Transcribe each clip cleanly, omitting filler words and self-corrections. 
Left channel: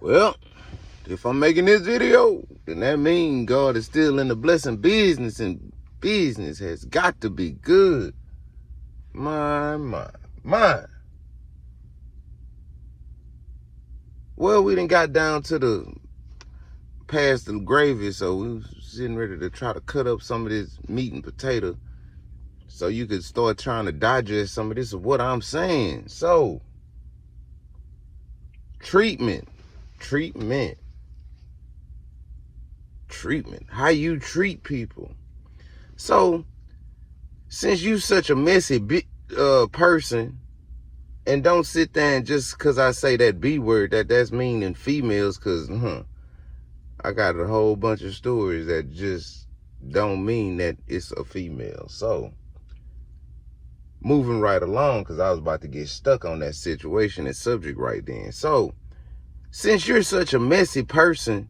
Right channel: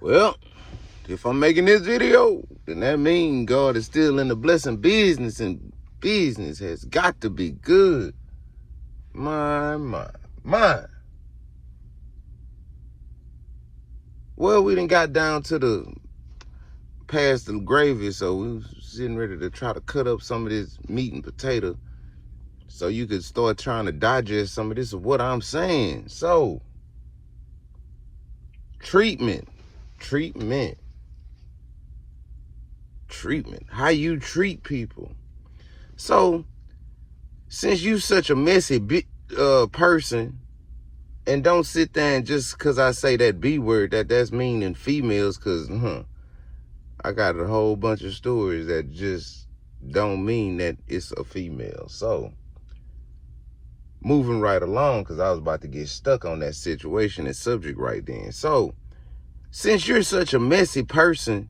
Well, if I'm making this video, then that means God is still in the blessing business, and business has got to be good. My. Well, we done got down to the past the gravy, so we was sitting ready to try to cut up some of this meat and potato so you could start trying to digest some of this of what I'm saying. So, treatment. How you treat people. So, since you such a messy person, and don't sit there and just because I say that B word, that's meaning females, because I got a whole bunch of stories that just don't mean that it's a female. So, moving right along, because I was about to get stuck on that situation and subject right then. So, since you're such a messy person,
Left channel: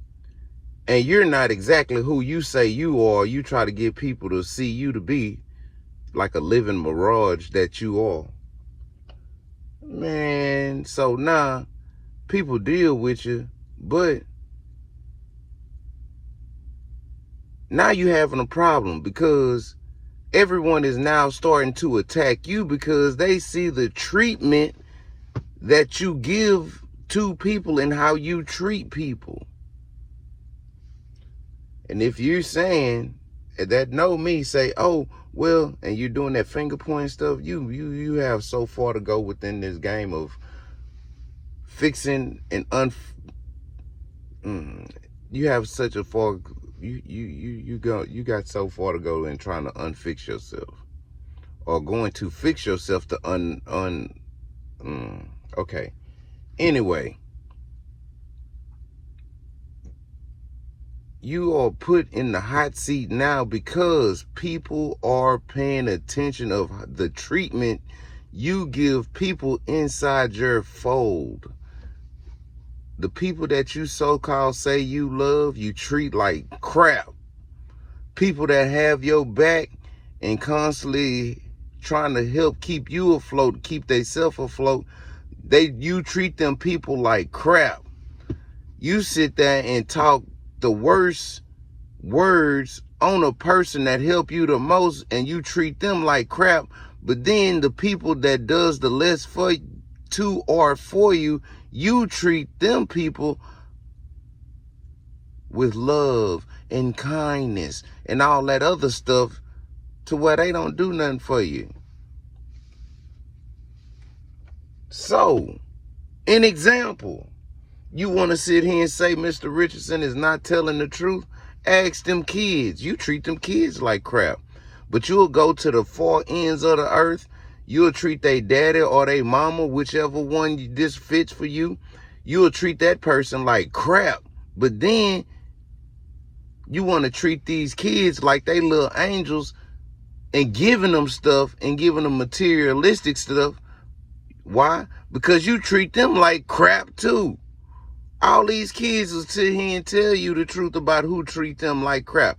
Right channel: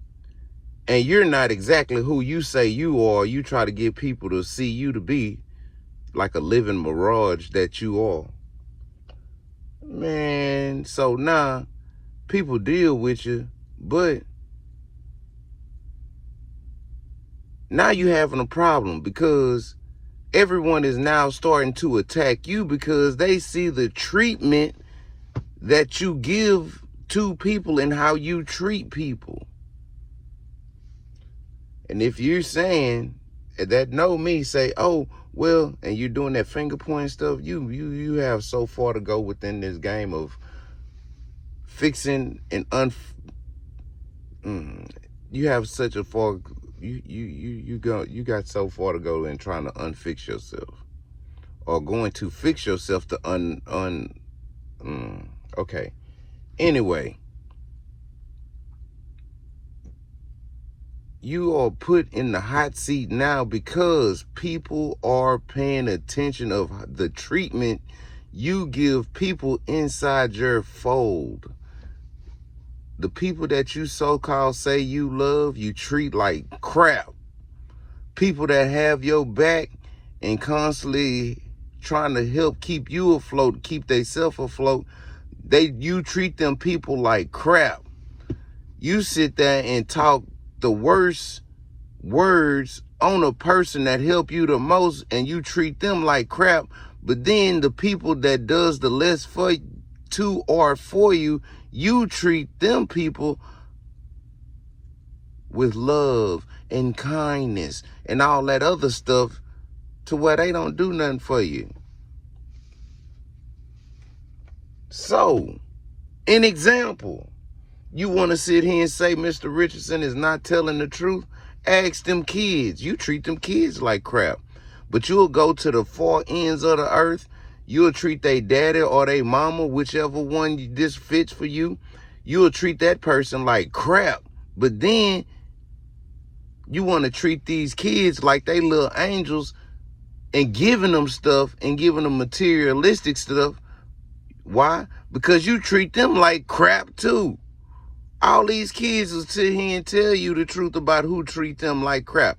and you're not exactly who you say you are, you try to get people to see you to be like a living mirage that you are. Man, so now people deal with you, but now you're having a problem because everyone is now starting to attack you because they see the treatment that you give to people and how you treat people. And if you're saying that know me, say, oh, well, and you're doing that finger pointing stuff, you have so far to go within this game of fixing and you have such a far you got so far to go in trying to unfix yourself, or going to fix yourself to okay. Anyway, you are put in the hot seat now because people are paying attention of the treatment you give people inside your fold. The people that you so-called say you love, you treat like crap. People that have your back and constantly trying to help keep you afloat, keep themselves afloat, you treat them people like crap. You sit there and talk the worst words on a person that help you the most, and you treat them like crap. But then the people that does the less for you, you treat them people with love and kindness and all that other stuff to where they don't do nothing for you. So, an example. You want to sit here and say Mr. Richardson is not telling the truth? Ask them kids. You treat them kids like crap. But you'll go to the far ends of the earth. You'll treat their daddy or their mama, whichever one this fits for you. You'll treat that person like crap. But then you want to treat these kids like they little angels and giving them stuff and giving them materialistic stuff. Why? Because you treat them like crap too. All these kids will sit here and tell you the truth about who treat them like crap.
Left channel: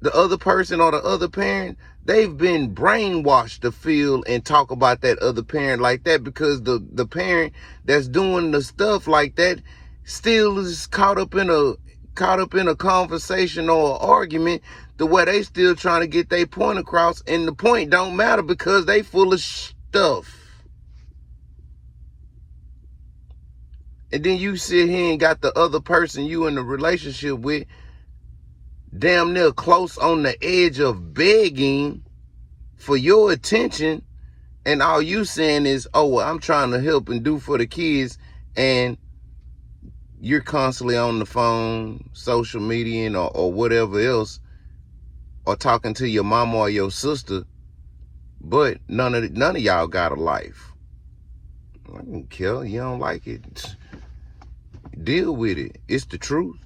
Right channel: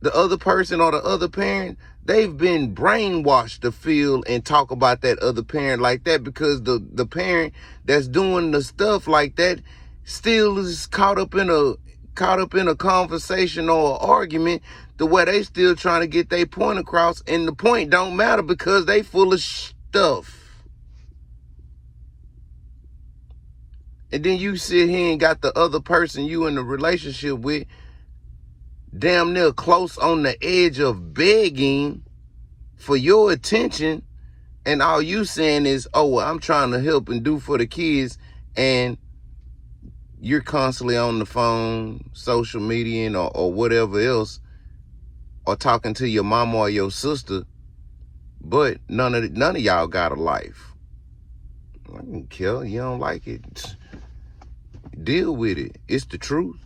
The other person or the other parent, they've been brainwashed to feel and talk about that other parent like that because the parent that's doing the stuff like that still is caught up in a conversation or an argument the way they still trying to get their point across, and the point don't matter because they full of stuff. And then you sit here and got the other person you in a relationship with damn near close on the edge of begging for your attention. And all you saying is, oh, well, I'm trying to help and do for the kids. And you're constantly on the phone, social media, or whatever else, or talking to your mama or your sister. But none of y'all got a life. I don't care. You don't like it. Deal with it. It's the truth.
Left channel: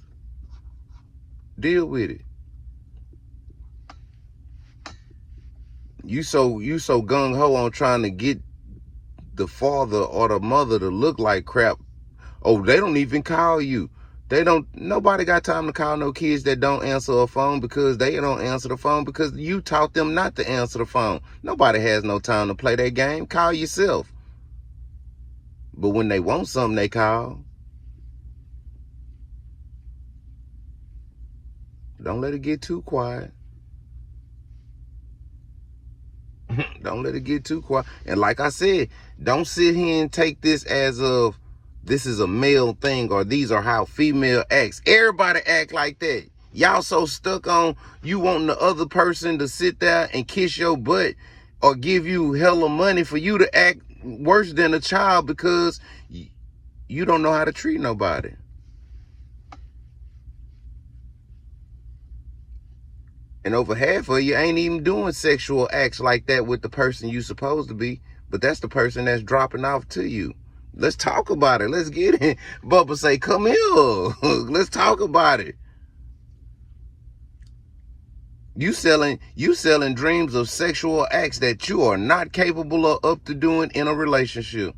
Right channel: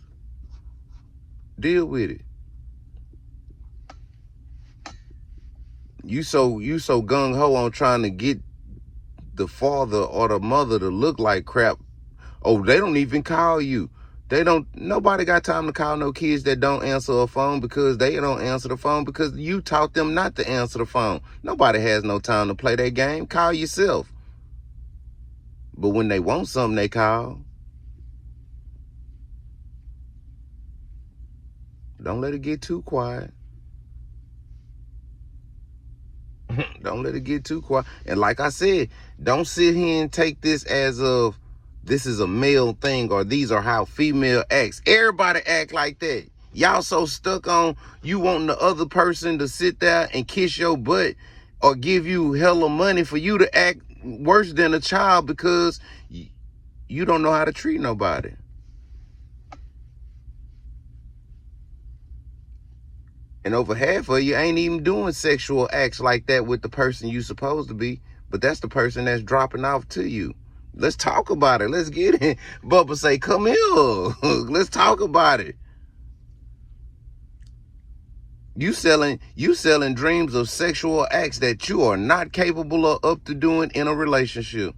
Deal with it. You so gung-ho on trying to get the father or the mother to look like crap. Oh, they don't even call you. Nobody got time to call no kids that don't answer a phone because they don't answer the phone because you taught them not to answer the phone. Nobody has no time to play that game. Call yourself. But when they want something, they call. Don't let it get too quiet. Don't let it get too quiet. And like I said, don't sit here and take this as of this is a male thing or these are how female acts. Everybody act like that. Y'all so stuck on you wanting the other person to sit there and kiss your butt or give you hella money for you to act worse than a child because you don't know how to treat nobody. And over half of you ain't even doing sexual acts like that with the person you supposed to be, but that's the person that's dropping off to you. Let's talk about it. Let's get it. Bubba say, come here. Let's talk about it. You selling dreams of sexual acts that you are not capable of up to doing in a relationship.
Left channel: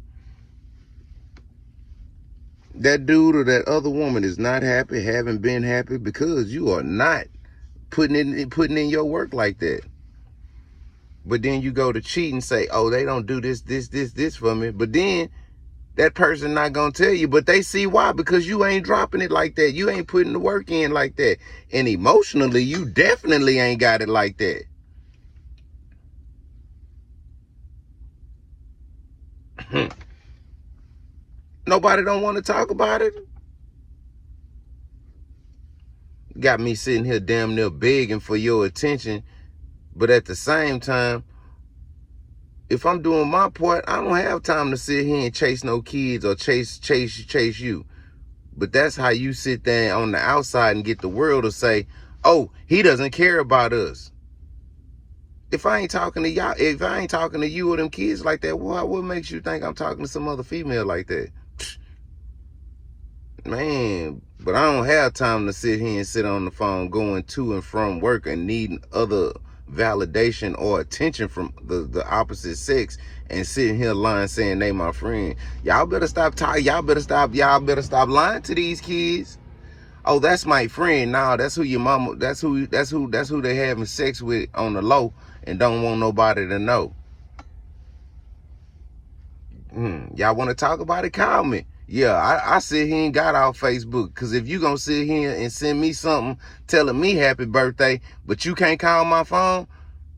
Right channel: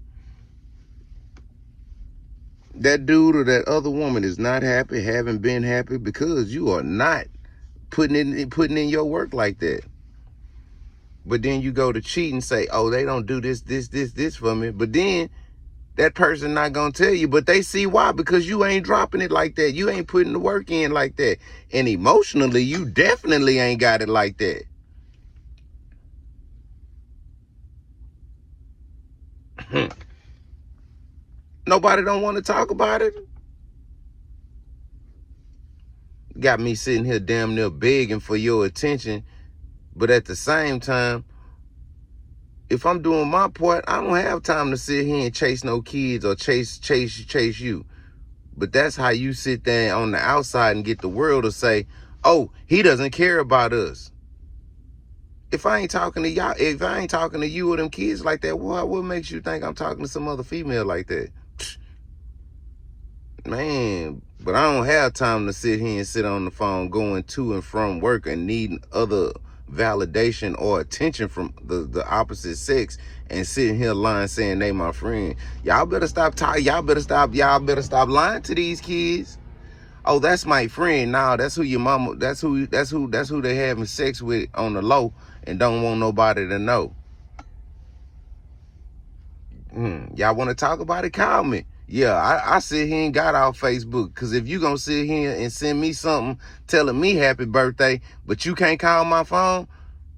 That dude or that other woman is not happy, haven't been happy because you are not putting in your work like that. But then you go to cheat and say, oh, they don't do this for me. But then that person not going to tell you, but they see why, because you ain't dropping it like that. You ain't putting the work in like that. And emotionally, you definitely ain't got it like that. Nobody don't want to talk about it. Got me sitting here damn near begging for your attention. But at the same time, if I'm doing my part, I don't have time to sit here and chase no kids or chase you. But that's how you sit there on the outside and get the world to say, oh, he doesn't care about us. If I ain't talking to y'all, if I ain't talking to you or them kids like that, what makes you think I'm talking to some other female like that? Man, but I don't have time to sit here and sit on the phone going to and from work and needing other validation or attention from the opposite sex and sitting here lying saying they my friend. Y'all better stop talking. Y'all better stop lying to these kids. Oh, that's my friend. Nah, that's who your mama, that's who they having sex with on the low and don't want nobody to know. Y'all want to talk about it? Call me. Yeah, I sit here and got off Facebook, because if you gonna sit here and send me something telling me happy birthday, but you can't call my phone,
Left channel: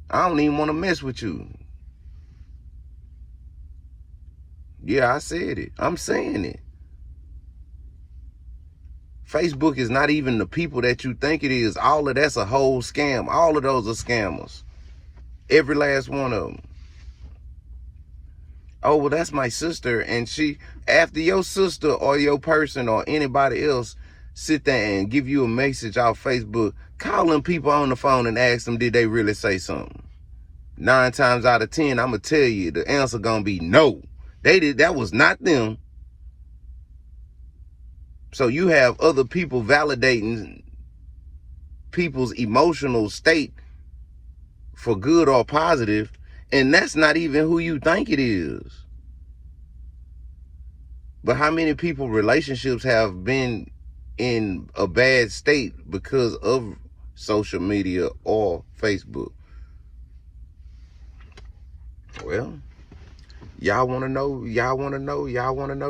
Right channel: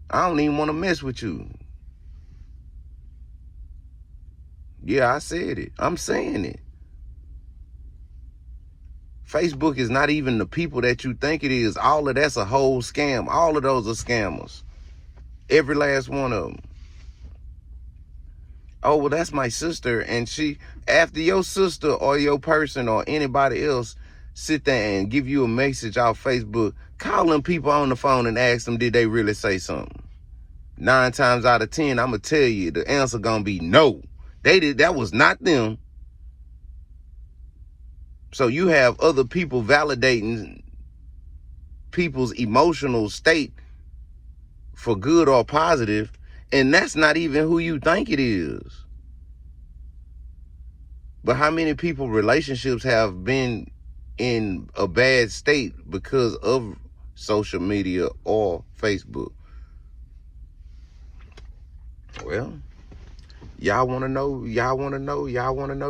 I don't even want to mess with you. Yeah, I said it. I'm saying it. Facebook is not even the people that you think it is. All of that's a whole scam. All of those are scammers. Every last one of them. Oh, well, that's my sister. And after your sister or your person or anybody else sit there and give you a message off Facebook, call them people on the phone and ask them, did they really say something? 9 times out of 10, I'm going to tell you, the answer going to be no. That was not them. So you have other people validating people's emotional state for good or positive, and that's not even who you think it is. But how many people relationships have been in a bad state because of social media or Facebook? Well, y'all want to know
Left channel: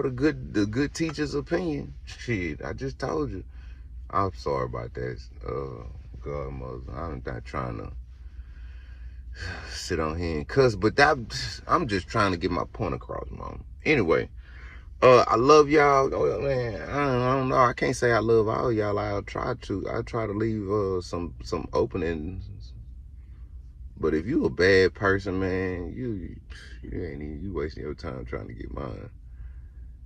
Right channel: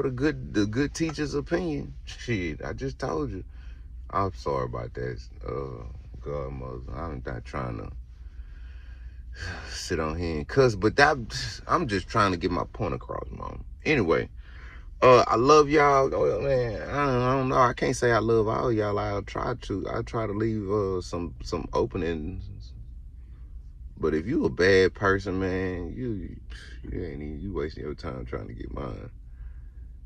the good teacher's opinion. Shit, I just told you. I'm sorry about that, godmother. I'm not trying to sit on here and cuss, but I'm just trying to get my point across, Mom. Anyway, I love y'all. Oh, man, I don't know. I can't say I love all y'all. I'll try to leave some openings. But if you a bad person, man, you wasting your time trying to get mine.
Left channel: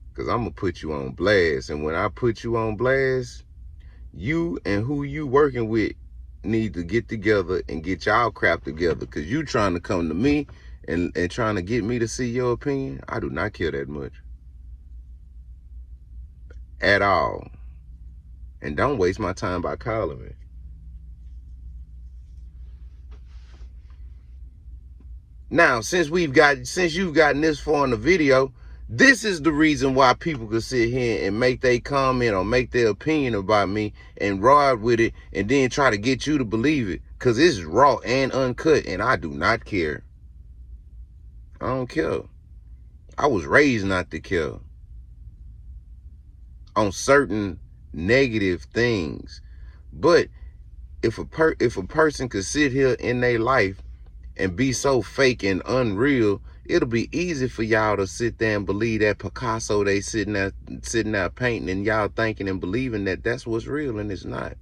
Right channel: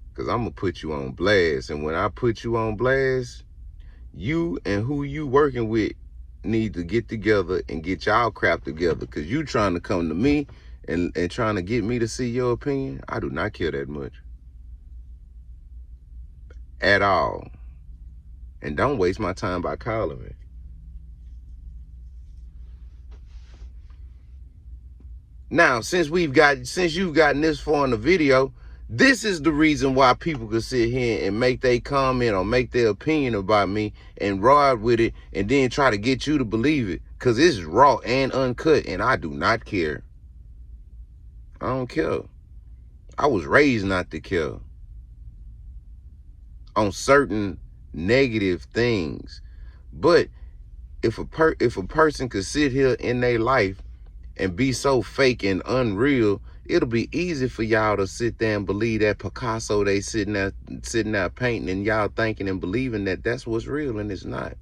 Because I'm going to put you on blast. And when I put you on blast, you and who you working with need to get together and get y'all crap together. Because you trying to come to me and trying to get me to see your opinion, I do not care that much. At all. And don't waste my time by calling me. Now, since you've gotten this far in the video, this is the reason why people could sit here and make their comment or make their opinion about me and ride with it and then try to get you to believe it. Because it's raw and uncut, and I do not care. I don't care. I was raised not to care on certain negative things. But if a person could sit here in their life and be so fake and unreal, it'll be easy for y'all to sit there and believe that Picasso they sitting there painting, and y'all thinking and believing that that's what's real, and it's not.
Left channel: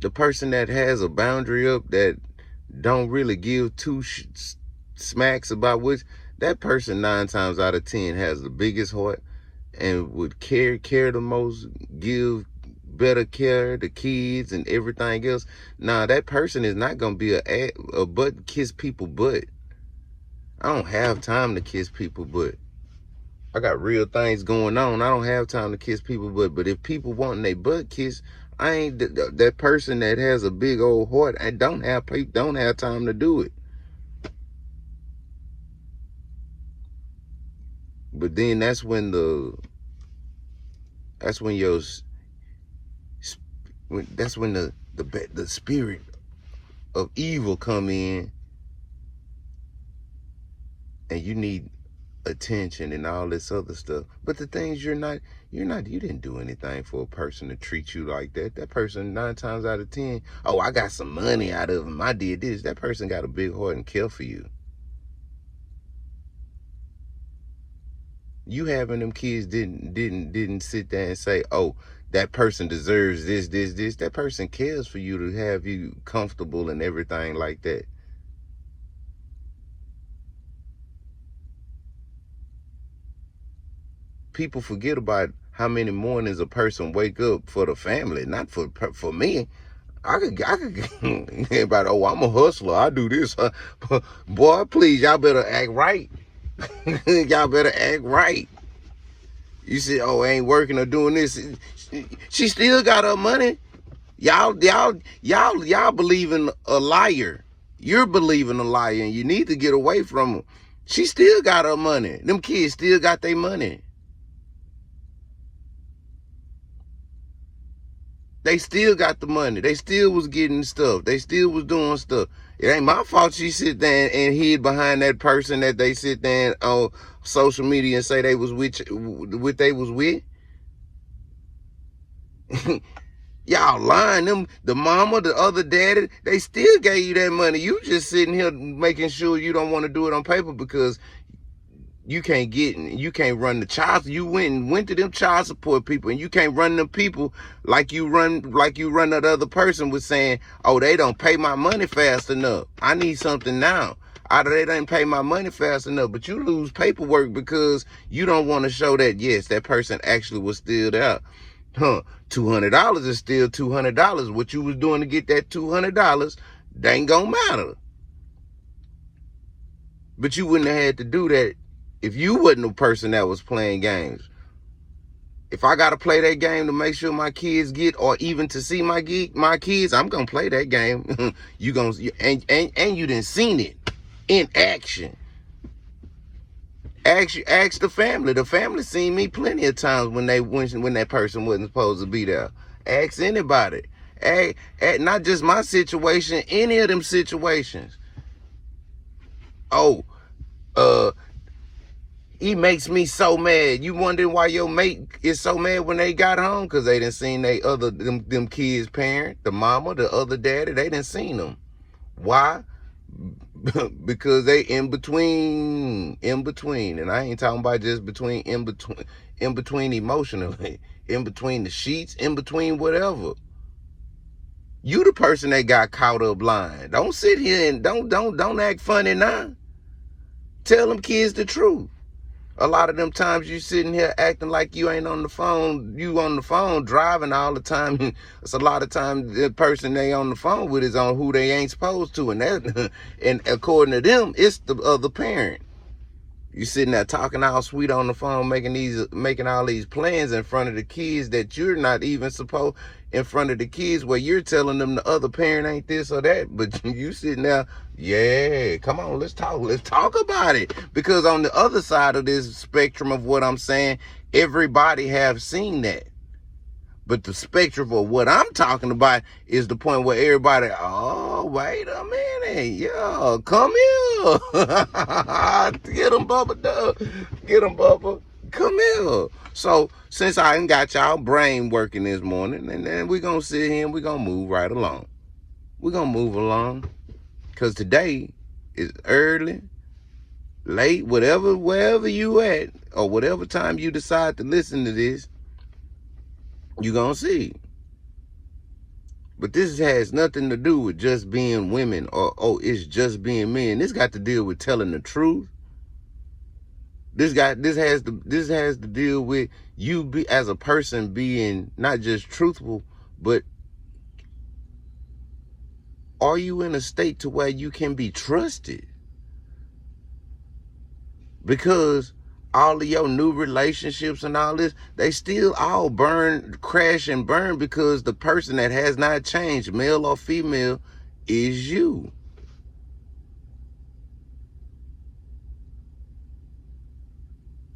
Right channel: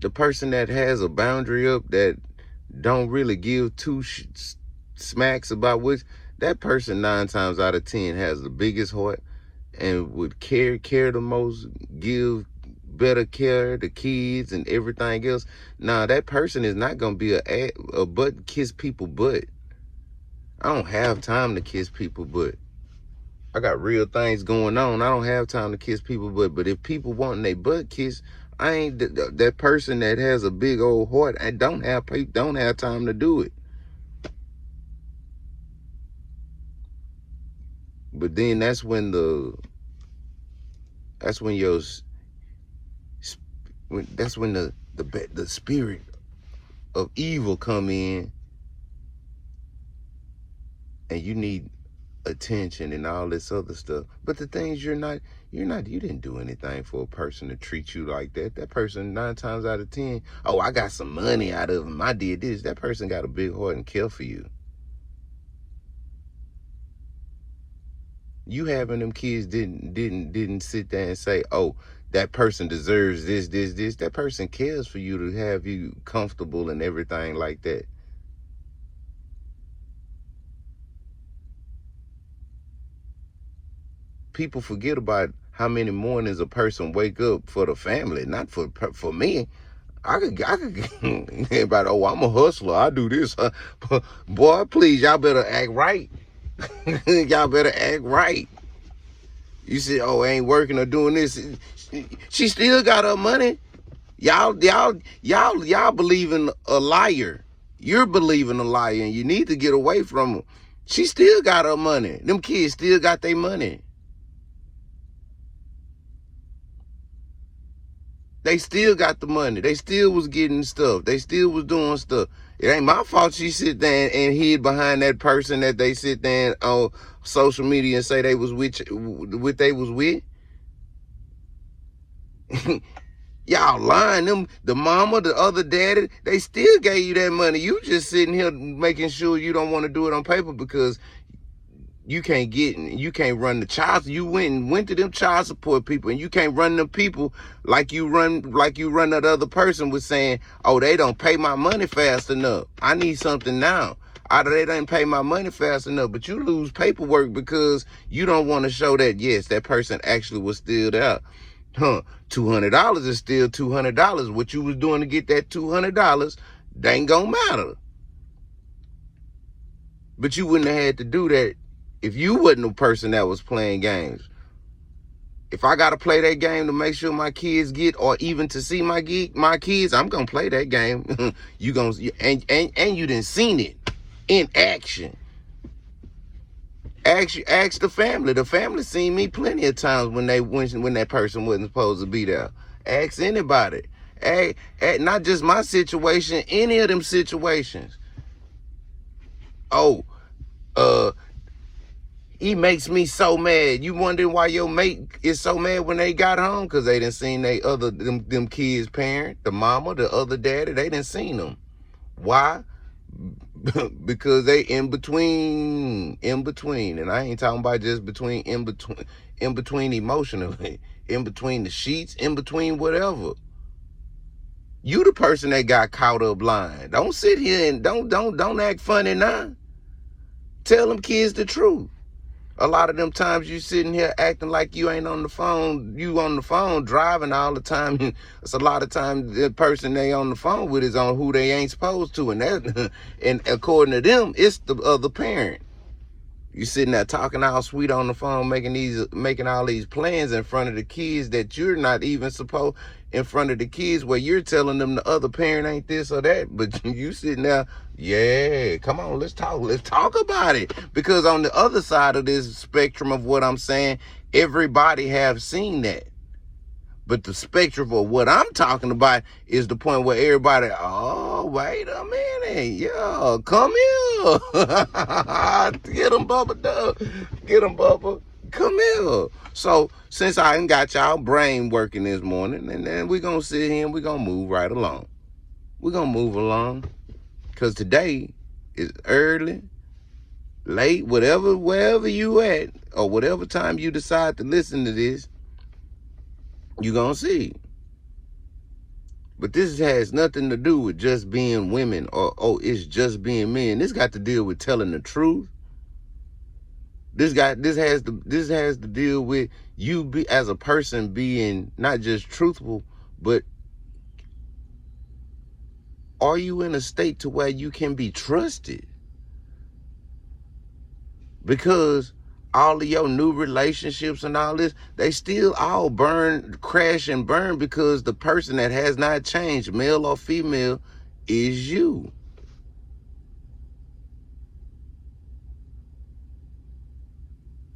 The person that has a boundary up, that don't really give two smacks about which, that person 9 times out of 10 has the biggest heart and would care the most, give better care to kids and everything else. Nah, that person is not gonna be a butt kiss people butt. I don't have time to kiss people butt. I got real things going on. I don't have time to kiss people butt. But if people wanting their butt kiss, I ain't that person that has a big old heart. I don't have time to do it. But then that's when the spirit of evil come in, and you need attention and all this other stuff. But the things you didn't do anything for a person to treat you like that. That person 9 times out of 10, oh, I got some money out of him, I did this. That person got a big heart and care for you. You having them kids didn't sit there and say, oh, that person deserves this. That person cares for you to have you comfortable and everything like that. People forget about how many mornings a person wake up for the family, not for me. I could everybody, oh, I'm a hustler, I do this. Boy, please, y'all better act right. Y'all better act right. You say, oh, I ain't working or doing this. She still got her money. Y'all believing a liar. You're believing a liar, and you need to get away from her. She still got her money. Them kids still got their money. They still got the money. They still was getting stuff. They still was doing stuff. It ain't my fault she sit there and hid behind that person that they sit there on social media and say they was with. Y'all lying. Them, the mama, the other daddy, they still gave you that money. You just sitting here making sure you don't want to do it on paper because you can't run the child. You went to them child support people, and you can't run them people like you run that other person was saying, oh, they don't pay my money fast enough. I need something now. Either they didn't pay my money fast enough, but you lose paperwork because you don't want to show that, yes, that person actually was still there. $200 is still $200. What you was doing to get that $200, they ain't gonna matter. But you wouldn't have had to do that if you wasn't a person that was playing games. If I got to play that game to make sure my kids get, or even to see my kids, I'm going to play that game. And you done seen it in action. Ask the family. The family seen me plenty of times when that person wasn't supposed to be there. Ask anybody. Not just my situation, any of them situations. Oh, he makes me so mad. You wondering why your mate is so mad when they got home? Because they done seen them kids' parent, the mama, the other daddy, they done seen them. Why? Because they in between. And I ain't talking about just in between emotionally, in between the sheets, in between whatever. You the person that got caught up lying. Don't sit here and don't act funny now. Tell them kids the truth. A lot of them times you sitting here acting like you ain't on the phone. You on the phone driving all the time. It's a lot of times the person they on the phone with is on who they ain't supposed to. And according to them, it's the other parent. You sitting there talking all sweet on the phone, making all these plans in front of the kids that you're not even supposed in front of the kids, where you're telling them the other parent ain't this or that, but you sitting there, yeah, come on, let's talk about it. Because on the other side of this spectrum of what I'm saying, everybody have seen that. But the spectrum of what I'm talking about is the point where everybody, oh, wait a minute, yeah, come here. Get him, Bubba, Doug. Get him, Bubba. Come here. So since I done got y'all brain working this morning, and then we're going to sit here and we're going to move right along. We're going to move along because today is early, late, whatever, wherever you at, or whatever time you decide to listen to this, you're going to see. But this has nothing to do with just being women or, oh, it's just being men. This got to deal with telling the truth. This has to deal with you as a person being not just truthful, but are you in a state to where you can be trusted? Because all of your new relationships and all this, they still all crash and burn because the person that has not changed, male or female, is you.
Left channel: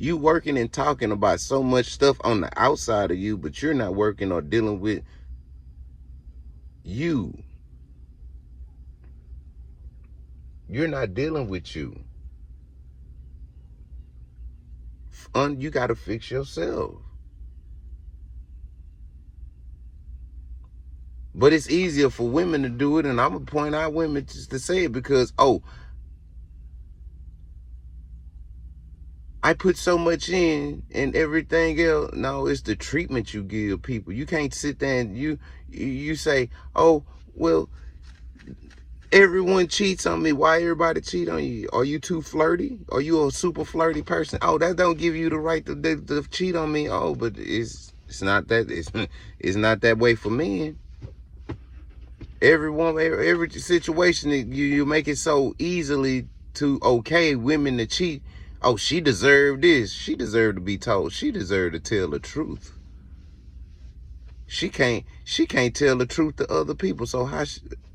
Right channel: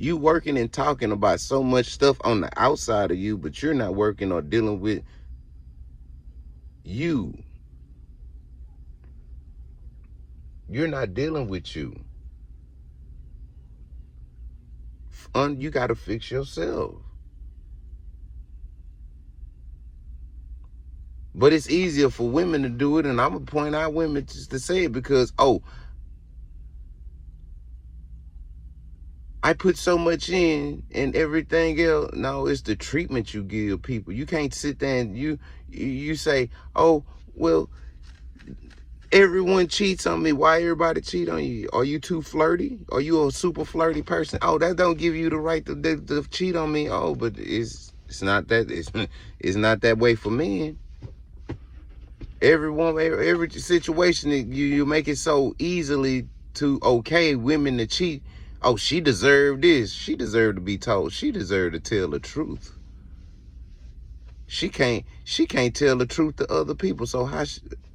You working and talking about so much stuff on the outside of you, but you're not working or dealing with you. You're not dealing with you. You got to fix yourself. But it's easier for women to do it, and I'm going to point out women just to say it because, oh, I put so much in and everything else. No, it's the treatment you give people. You can't sit there and you say, oh, well, everyone cheats on me. Why everybody cheat on you? Are you too flirty? Are you a super flirty person? Oh, that don't give you the right to cheat on me. Oh, but it's not that it's not that way for men. Every situation you make it so easily to okay women to cheat. Oh, she deserved this. She deserved to be told. She deserved to tell the truth. She can't tell the truth to other people. So how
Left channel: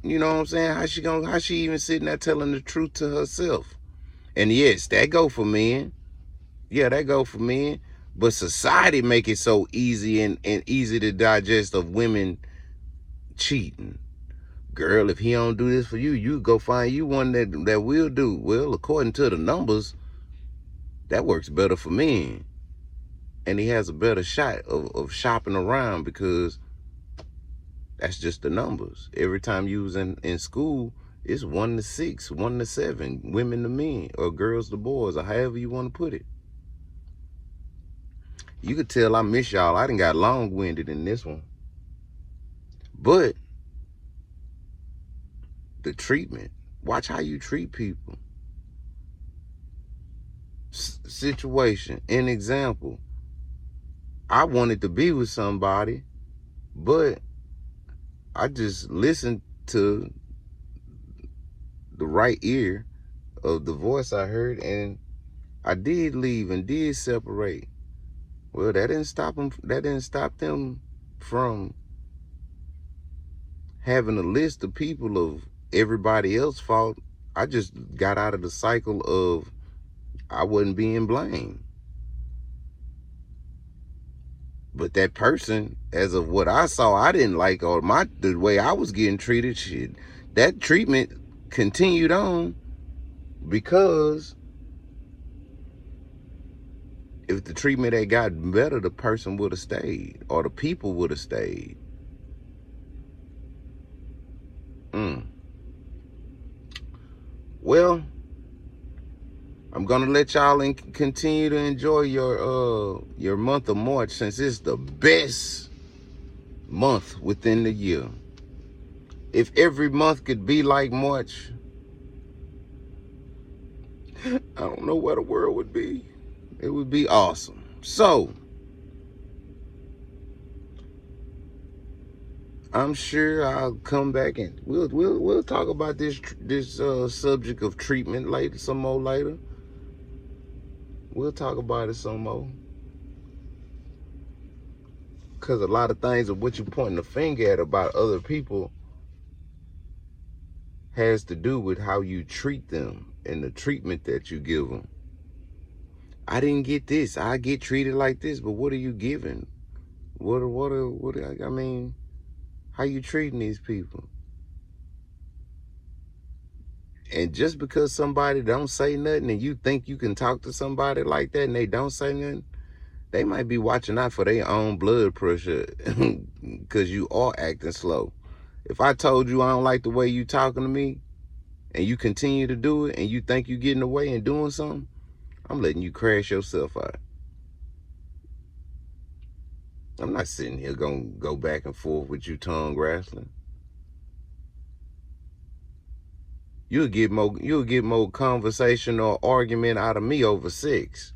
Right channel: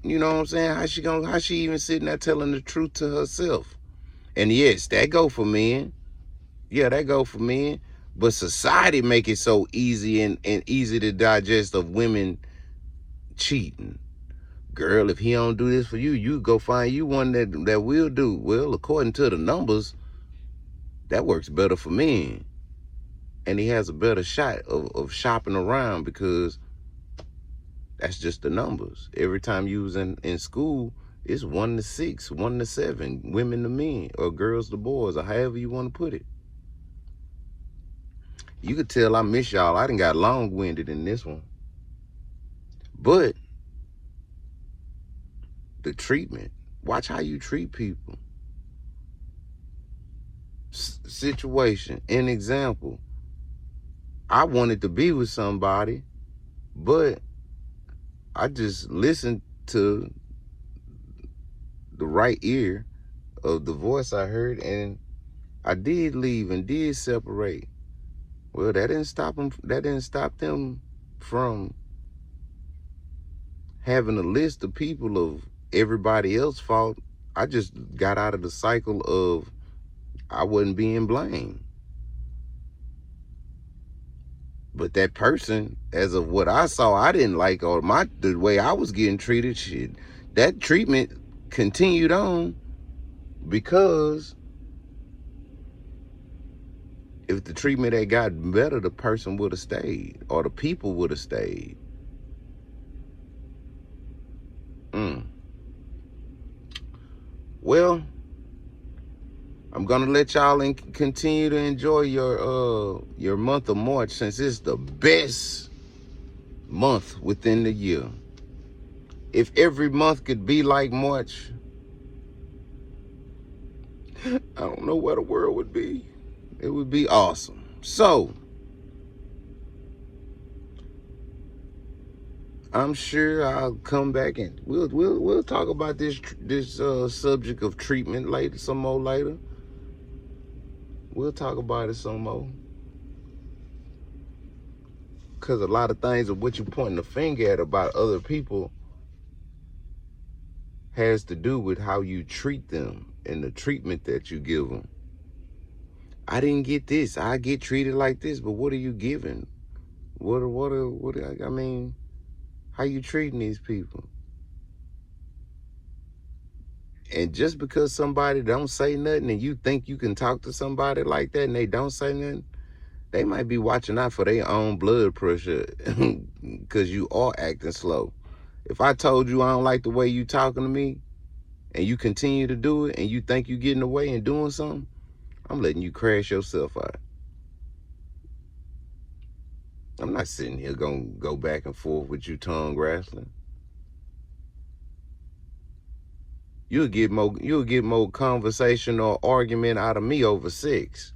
you know what I'm saying? How she even sitting there telling the truth to herself? And yes, that go for men. Yeah, that go for men. But society make it so easy and easy to digest of women cheating. Girl, if he don't do this for you, you go find you one that will do. Well, according to the numbers, that works better for men. And he has a better shot of shopping around because that's just the numbers. Every time you was in school, it's 1 to 6, 1 to 7, women to men, or girls to boys, or however you want to put it. You could tell I miss y'all. I done got long-winded in this one. But the treatment, watch how you treat people. Situation, an example. I wanted to be with somebody, but I just listened to the right ear of the voice I heard, and I did leave and did separate. Well, that didn't stop them. That didn't stop them from having a list of people of everybody else's fault. I just got out of the cycle of I wasn't being blamed. But that person, as of what I saw, I didn't like, or the way I was getting treated, shit. That treatment continued on because if the treatment had gotten better, the person would have stayed, or the people would have stayed. Well, I'm gonna let y'all continue to enjoy your month of March, since it's the best month within the year. If every month could be like March, I don't know where the world would be. It would be awesome. So I'm sure I'll come back and we'll talk about this subject of treatment later, some more later. We'll talk about it some more. Because a lot of things of what you're pointing the finger at about other people has to do with how you treat them and the treatment that you give them. I didn't get this. I get treated like this, but what are you giving? I mean, how you treating these people? And just because somebody don't say nothing and you think you can talk to somebody like that and they don't say nothing, They might be watching out for their own blood pressure because you are acting slow. If I told you I don't like the way you talking to me and you continue to do it and you think you getting away and doing something, I'm letting you crash yourself out. I'm not sitting here gonna go back and forth with you tongue wrestling. You'll get more conversation or argument out of me over sex.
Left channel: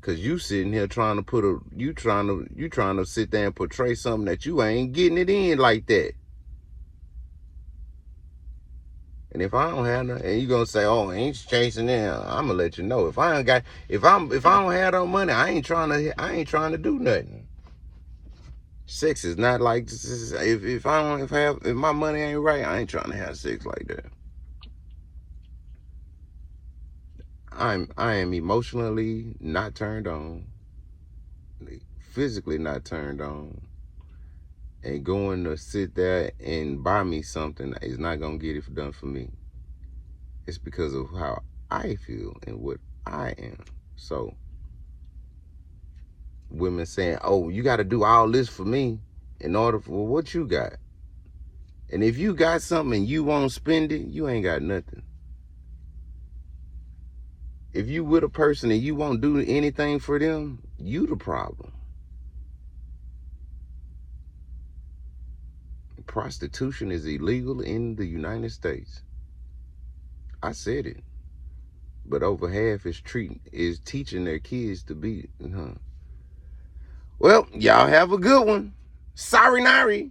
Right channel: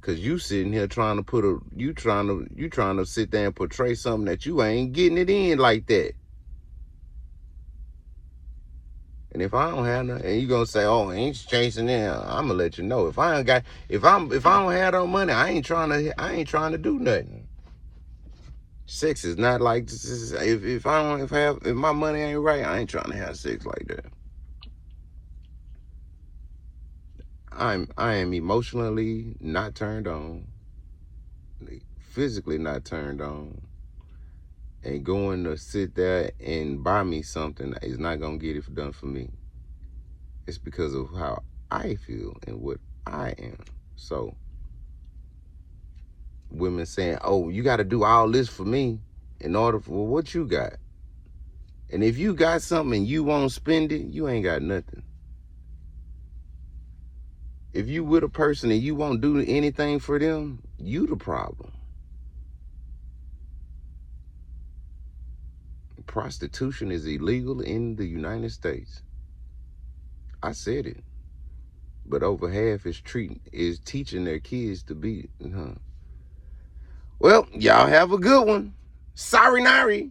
Cause you sitting here trying to sit there and portray something that you ain't getting it in like that. And if I don't have nothing, and you gonna say, "Oh, ain't chasing in," I'm gonna let you know. If I don't have no money, I ain't trying to do nothing. Sex is not like this. If my money ain't right, I ain't trying to have sex like that. I am emotionally not turned on, physically not turned on, and going to sit there and buy me something is not gonna get it done for me. It's because of how I feel and what I am. So women saying, "Oh, you got to do all this for me in order for what you got." And if you got something and you won't spend it, you ain't got nothing. If you with a person and you won't do anything for them, you the problem. Prostitution is illegal in the United States. I said it. But over half is teaching their kids to be. Well, y'all have a good one. Sorry, Nari.